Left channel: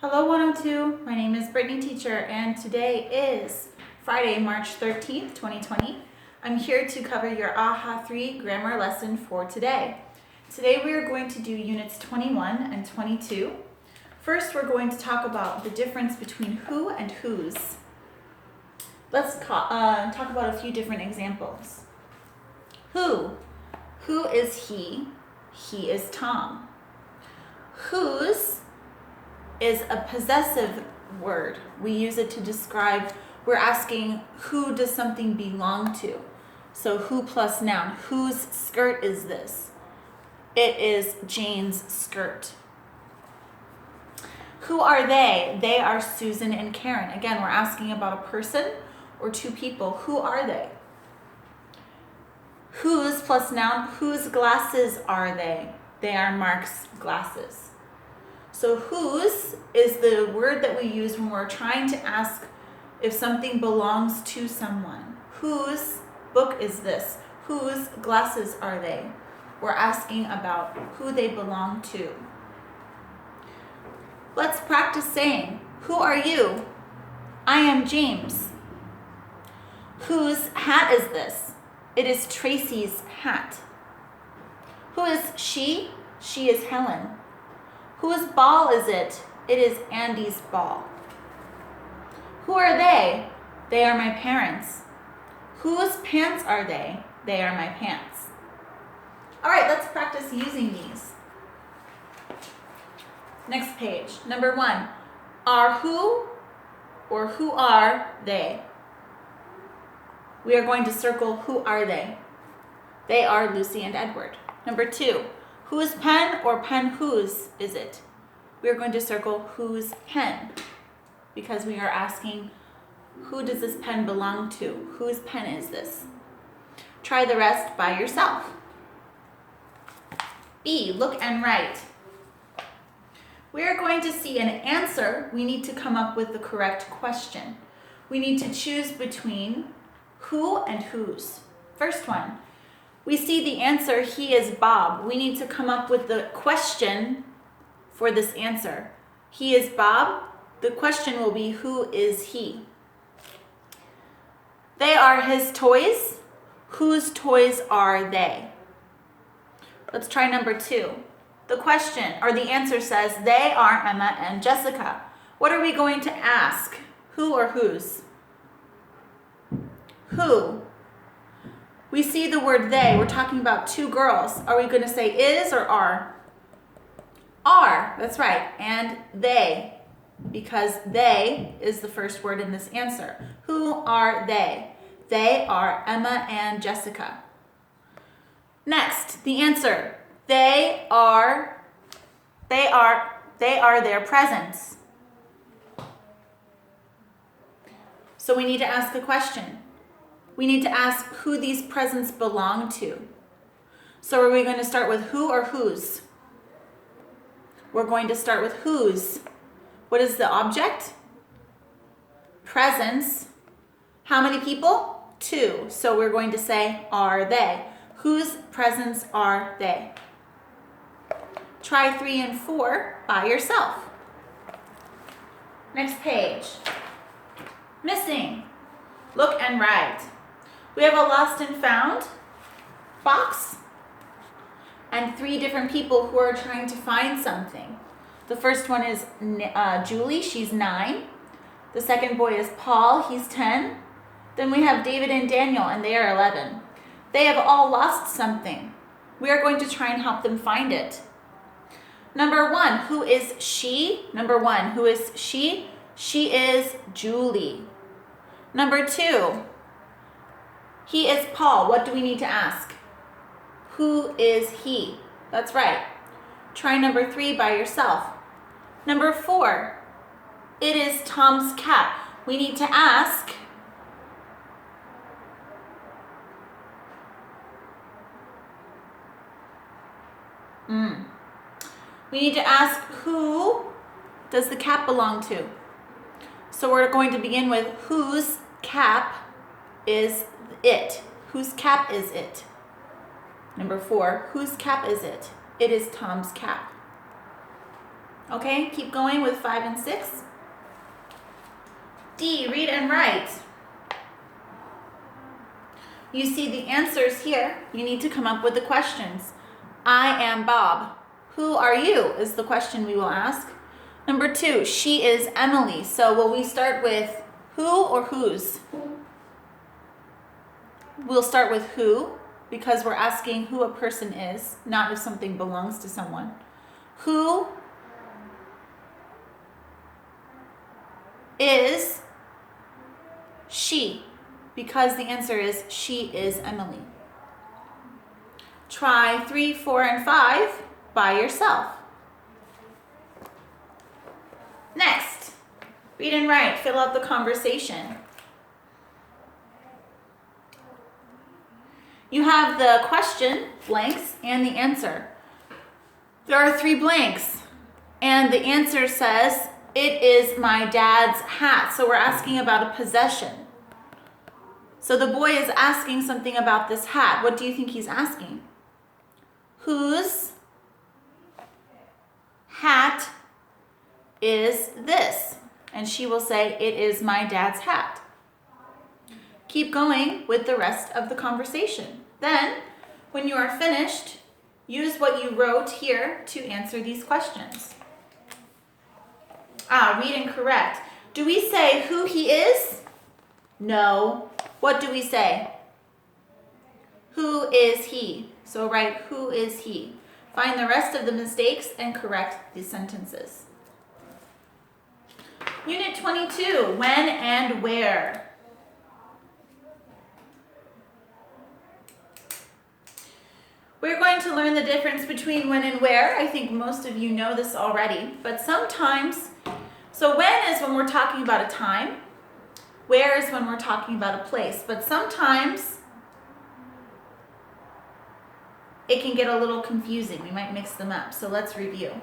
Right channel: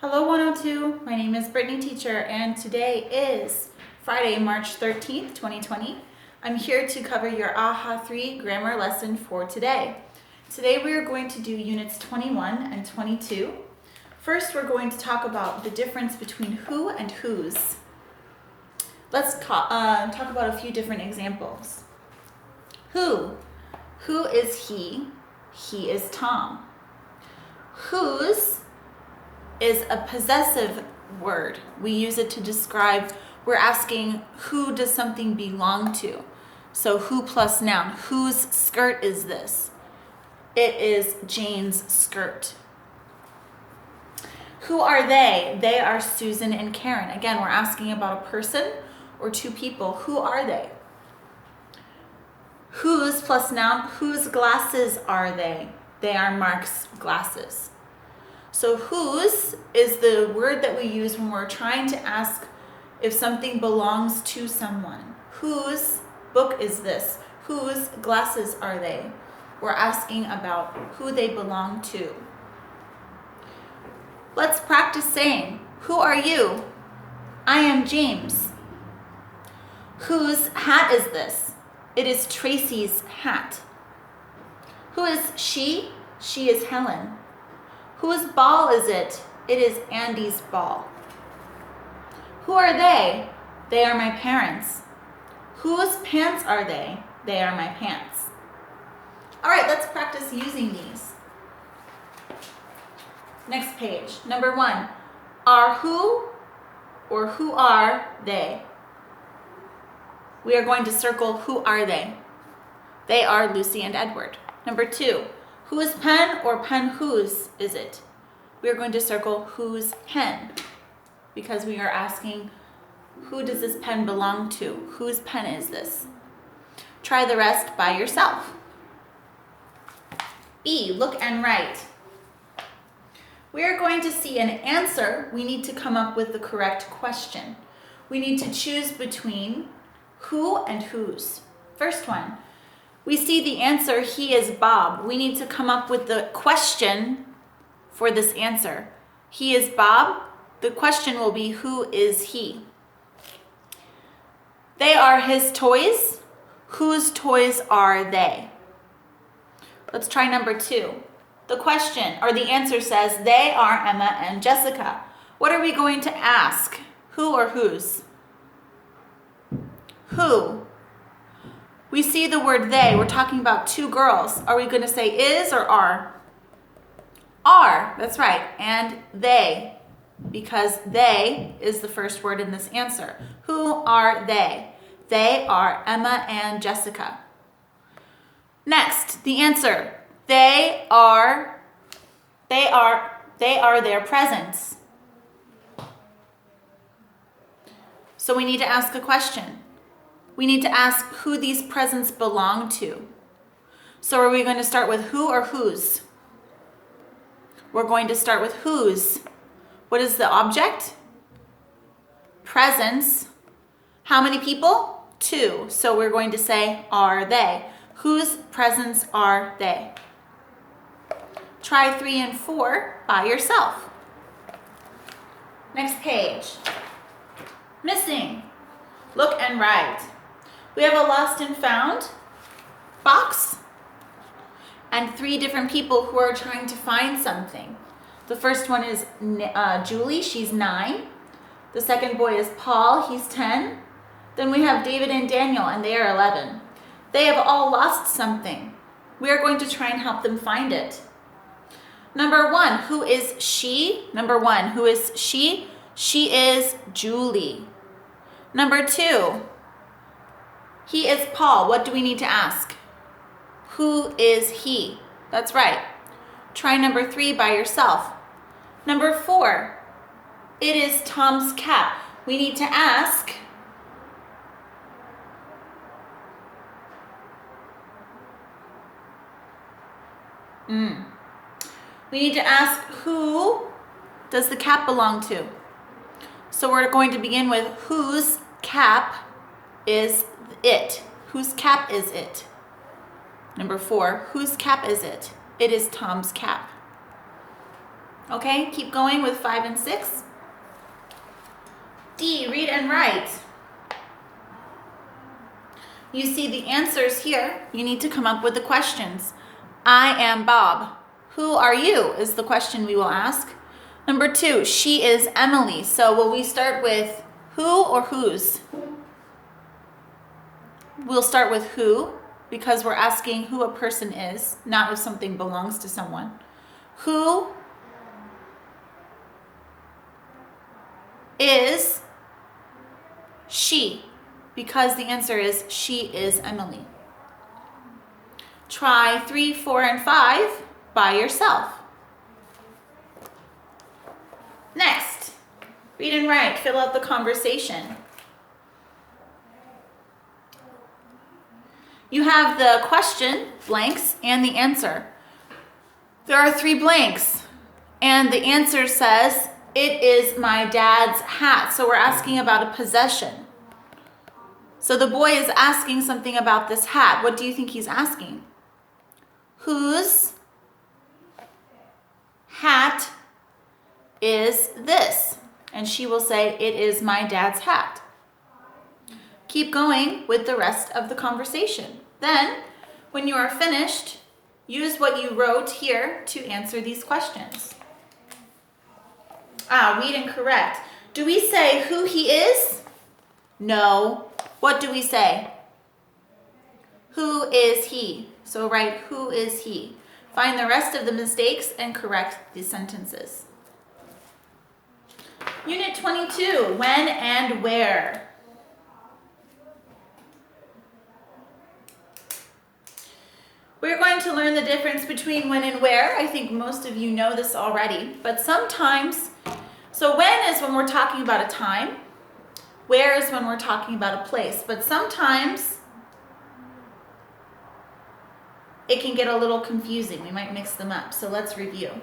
Hello 102, my name is Brittany Teacher and today is Friday, March 13th, 2020. I'm here to cover your AHA 3 grammar lesson for today. Today we are going to do units 21 and 22. First we're going to talk about the difference between who and whose. Let's talk about a few different examples. Who? Who is he? He is Tom. Whose is a possessive word. We use it to describe, we're asking who does something belong to. So who plus noun. Whose skirt is this? It is Jane's skirt. Who are they? They are Susan and Karen. Again, we're asking about a person or two people. Who are they? Whose plus noun. Whose glasses are they? They are Mark's glasses. So whose is the word that we use when we're trying to ask if something belongs to someone. Whose book is this? Whose glasses are they? We're asking about who they belong to. Let's practice saying, who are you? I am James. Whose hat is this? It is Tracy's hat. Who is she? She is Helen. Whose ball is it? It is Andy's ball. Who are they? They are my parents. Whose pants are they? They are my pants. All right, let's practice using these. Next page. Number 1. Are who or who are they? We are going to circle who are they. They are Lucy and Edward. Number 2. Whose pen or pen whose is it? We are going to circle whose pen because we are asking who does this pen belong to? Whose pen is this? Try the rest by yourself. B, look and write. We are going to see an answer. We need to come up with the correct question. We need to choose between who and whose. First one. We see the answer, he is Bob. We need to come up with the question for this answer. He is Bob. The question will be, who is he? They are his toys. Whose toys are they? Let's try number 2. The question, or the answer says, they are Emma and Jessica. What are we going to ask? Who or whose? Who? We see the word they. We're talking about two girls. Are we going to say is or are? Are. That's right. And they, because they is the first word in this answer. Who are they? They are Emma and Jessica. Next, the answer. They are their presents. So we need to ask a question. We need to ask who these presents belong to. So are we going to start with who or whose? We're going to start with whose. What is the object? Presents. How many people? 2. So we're going to say, are they? Whose presents are they? Try 3 and 4 by yourself. Next page. Missing. Look and write. We have a lost and found box and 3 different people who are trying to find something. The first one is Julie, she's 9. The second boy is Paul, he's 10. Then we have David and Daniel, and they are 11. They have all lost something. We are going to try and help them find it. Number 1, who is she? Number 1, who is she? She is Julie. Number 2, he is Paul. What do we need to ask? Who is he? That's right. Try number 3 by yourself. Number 4, it is Tom's cap. We need to ask, who does the cap belong to? So we're going to begin with whose cap is it? Whose cap is it? Number 4, whose cap is it? It is Tom's cap. Okay, keep going with 5 and 6. D, read and write. You see the answers here. You need to come up with the questions. I am Bob. Who are you is the question we will ask. Number 2, she is Emily. So will we start with who or whose? We'll start with who because we're asking who a person is, not if something belongs to someone. Who is she? Because the answer is she is Emily. Try 3, 4, and 5 by yourself. Next, read and write. Fill out the conversation. You have the question, blanks, and the answer. There are 3 blanks, and the answer says, it is my dad's hat. So we're asking about a possession. So the boy is asking something about this hat. What do you think he's asking? Whose hat is this? And she will say, it is my dad's hat. Keep going with the rest of the conversation. Then, when you are finished, use what you wrote here to answer these questions. Read and correct. Do we say who he is? No. What do we say? Who is he? So write, who is he? Find the rest of the mistakes and correct the sentences. Unit 22, when and where. We're going to learn the difference between when and where. I think most of you know this already, but sometimes, so when is when we're talking about a time, where is when we're talking about a place, but sometimes it can get a little confusing. We might mix them up, so let's review.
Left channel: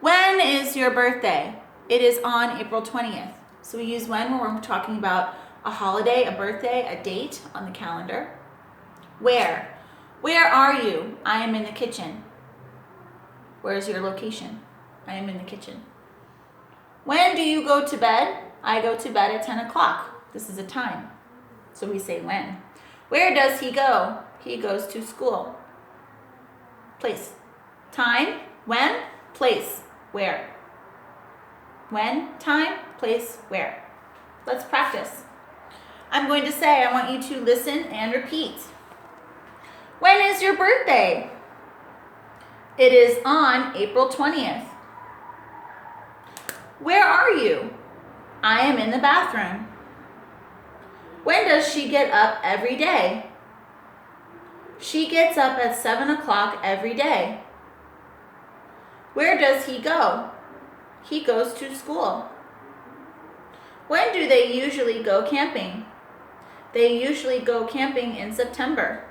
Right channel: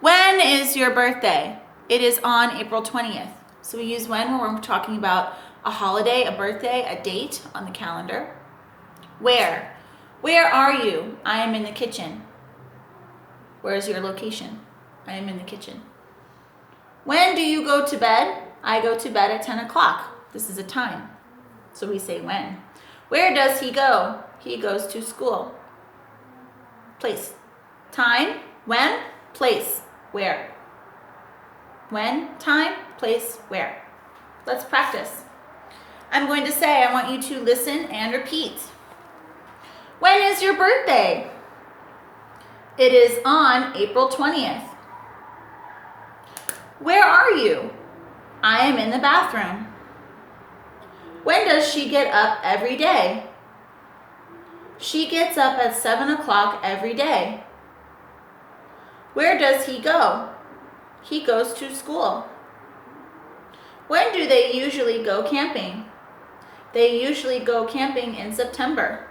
When is your birthday? It is on April 20th. So we use when we're talking about a holiday, a birthday, a date on the calendar. Where? Where are you? I am in the kitchen. Where is your location? I am in the kitchen. When do you go to bed? I go to bed at 10 o'clock. This is a time. So we say when. Where does he go? He goes to school. Place. Time. When. Place. Where. When. Time. Place. Where. Let's practice. I'm going to say, I want you to listen and repeat. When is your birthday? It is on April 20th. Where are you? I am in the bathroom. When does she get up every day? She gets up at 7 o'clock every day. Where does he go? He goes to school. When do they usually go camping? They usually go camping in September.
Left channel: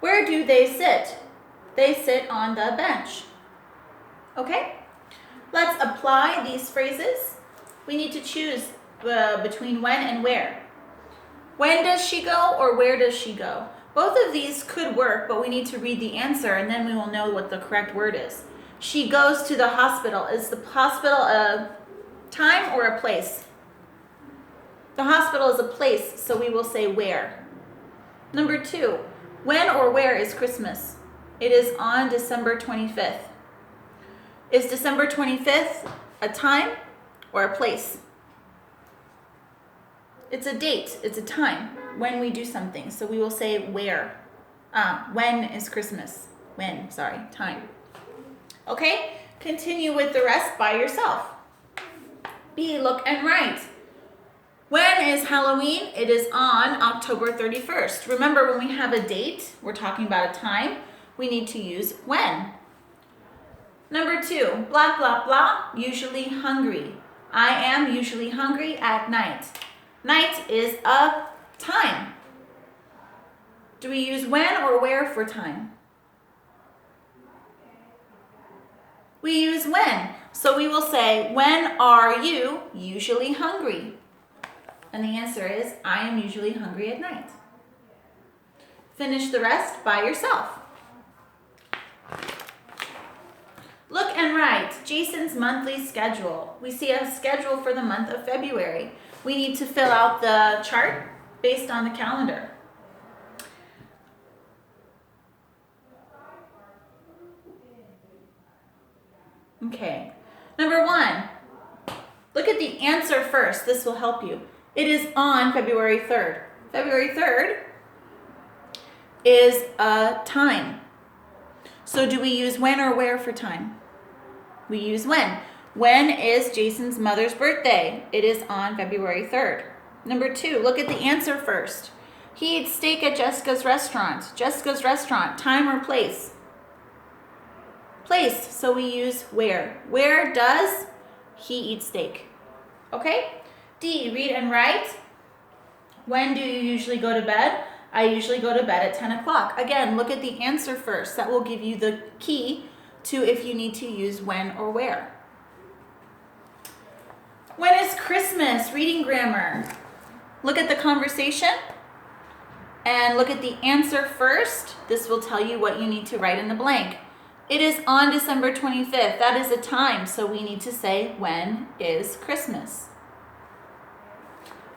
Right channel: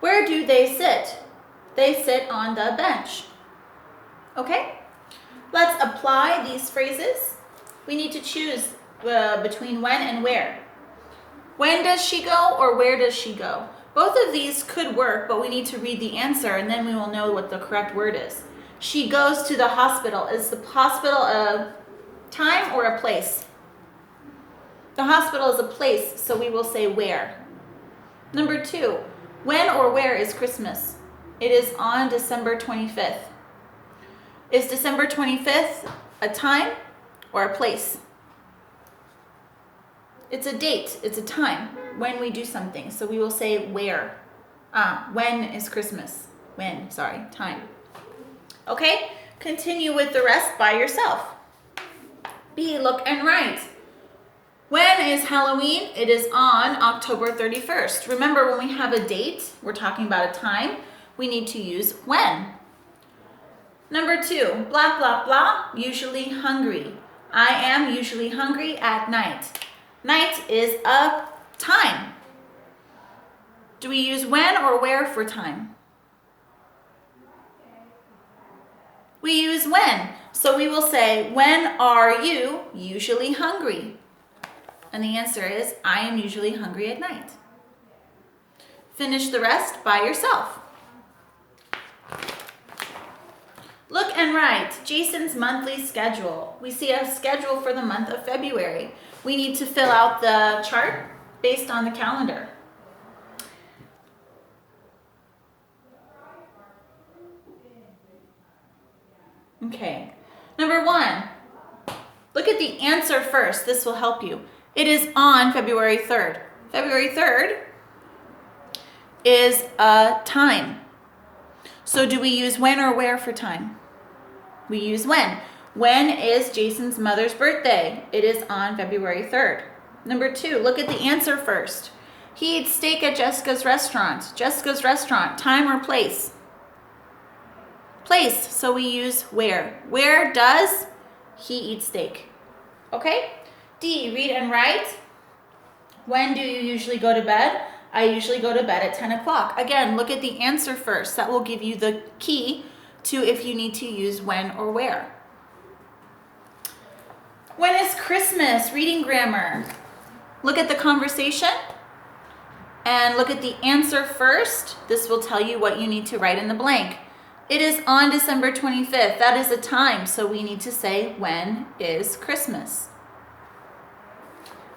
Where do they sit? They sit on the bench. Okay? Let's apply these phrases. We need to choose between when and where. When does she go or where does she go? Both of these could work, but we need to read the answer and then we will know what the correct word is. She goes to the hospital. Is the hospital a time or a place? The hospital is a place, so we will say where. Number 2, when or where is Christmas? It is on December 25th. Is December 25th a time or a place? It's a date, it's a time when we do something. So we will say where. When is Christmas? When, sorry, time. Okay, continue with the rest by yourself. B, look and write. When is Halloween? It is on October 31st. Remember, when we have a date, we're talking about a time, we need to use when. Number 2, blah, blah, blah, usually hungry. I am usually hungry at night. Night is a time. Do we use when or where for time? We use when. So we will say, when are you usually hungry? And the answer is, I am usually hungry at night. Finish the rest by yourself. and write Jason's monthly schedule. We see a schedule for the month of February. We need to fill out the chart based on the calendar. Okay, number 1, look at the answer first. This will help you. It is on February 3rd. February 3rd is a time. So do we use when or where for time? We use when. When is Jason's mother's birthday? It is on February 3rd. Number 2, look at the answer first. He eats steak at Jessica's restaurant. Jessica's restaurant, time or place? Place, so we use where. Where does he eat steak? Okay? D, read and write. When do you usually go to bed? I usually go to bed at 10 o'clock. Again, look at the answer first. That will give you the key to if you need to use when or where. When is Christmas? Reading grammar. Look at the conversation and look at the answer first. This will tell you what you need to write in the blank. It is on December 25th. That is a time, so we need to say, when is Christmas?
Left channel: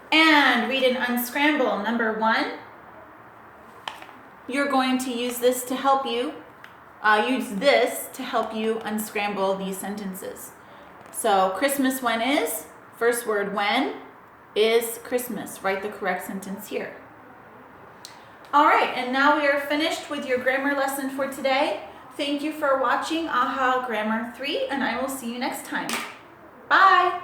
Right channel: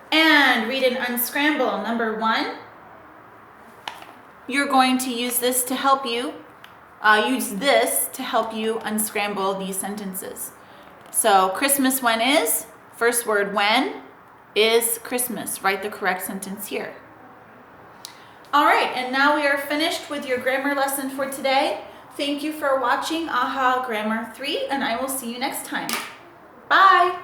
And read and unscramble. Number 1, you're going to use this to help you, unscramble these sentences. So Christmas when is, first word when, is Christmas. Write the correct sentence here. All right, and now we are finished with your grammar lesson for today. Thank you for watching AHA Grammar 3, and I will see you next time. Bye!